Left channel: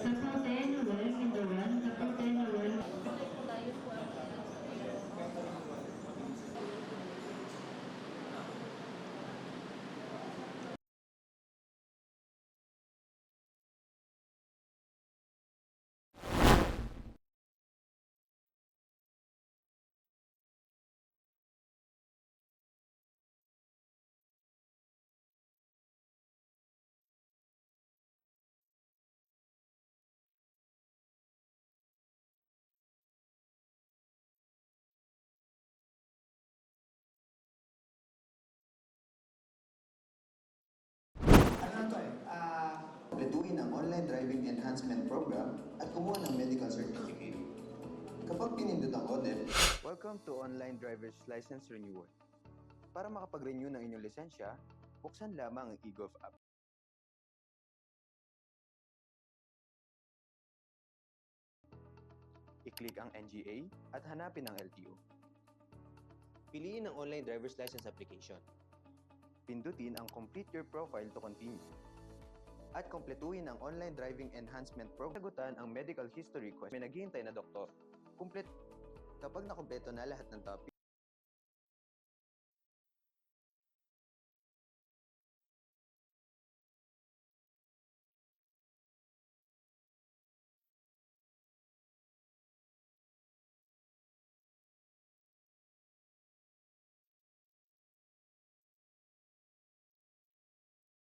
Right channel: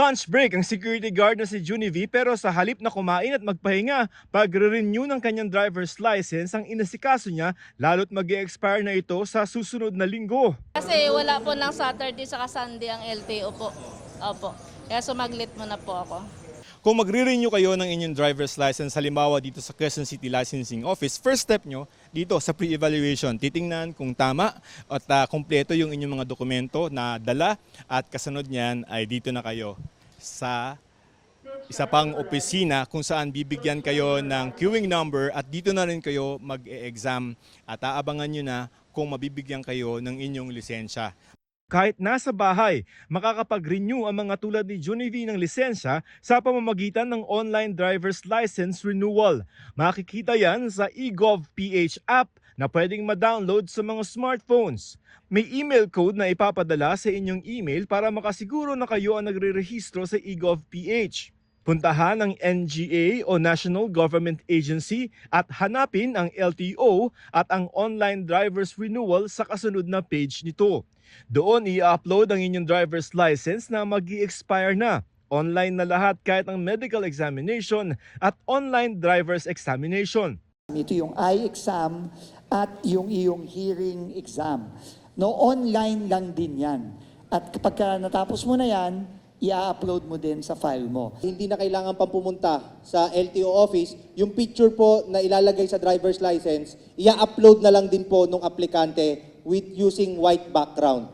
Lunch break ang security guard na si Junie V pero sa halip na kumain at magpahinga, pagre-renew ng kanyang driver's license ang inasikaso niya lalo't mag-expire na ito sa susunod na linggo. Kasi wala po ng Saturday saka Sunday ang LTO po. Opo. Kaya sumaglit muna po ako. Kung magre-renew kayo ng inyong driver's license, halimbawa dito sa Quezon City Licensing Office, first step nyo dito sa pre-evaluation, titingnan kung tama at kumpleto yung inyong mga dokumento na dala at kasunod niyan ay dito na kayo sa isa pang opisina kung saan bibigyan kayo ng queuing number at dito na rin kayo mag-e-exam at aabangan nyo na kung mabibigyan kayo ng inyong lisensya. Kahit nasa bahay, makakapag-renew ang mga tulad ni Junie V ng lisensya sa pamamagitan ng online driver's license renewal. Makikita yan sa eGov.ph app na pwedeng ma-download sa mga smartphones. May email code na ipapadala sa inyong email para makasiguro na kayo ang nagre-rehistro sa eGov.ph. Puntahan ang NGA o National Government Agency at hanapin ang LTO at ang online driver's renewal sa kasunod na page nito. Doon i-upload ang inyong driver's license na mag-i-expire na. Online na lahat kahit ang medical examination at online driver's examination. Ito yung eye exam at yung iyong hearing exam. No, online lang din yan. At kapag natapos mo na yan, i-upload mo din sa file mo. Hindi na kailangan pang pumunta sa LTO office. Yung picture po na ilalagay sa driver's license, i-upload na lang din po ng aplikante with using white background.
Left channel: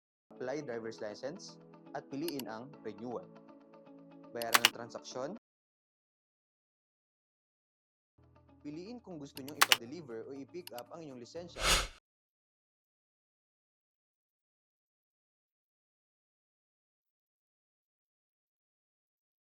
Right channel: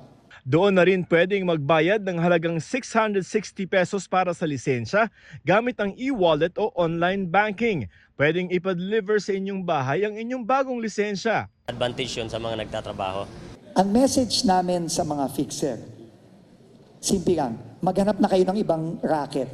Doon na rin pwedeng magbayad ng halagang 660 pesos para sa lisensya gamit ang e-wallet o online banking. Pwedeng ipa-deliver sa inyong bahay ang inyong bagong lisensya. Advantage yun sa mga nagtatrabaho. Ang message namin sa mga fixer, simple lang, maghanap na kayo ng ibang racket.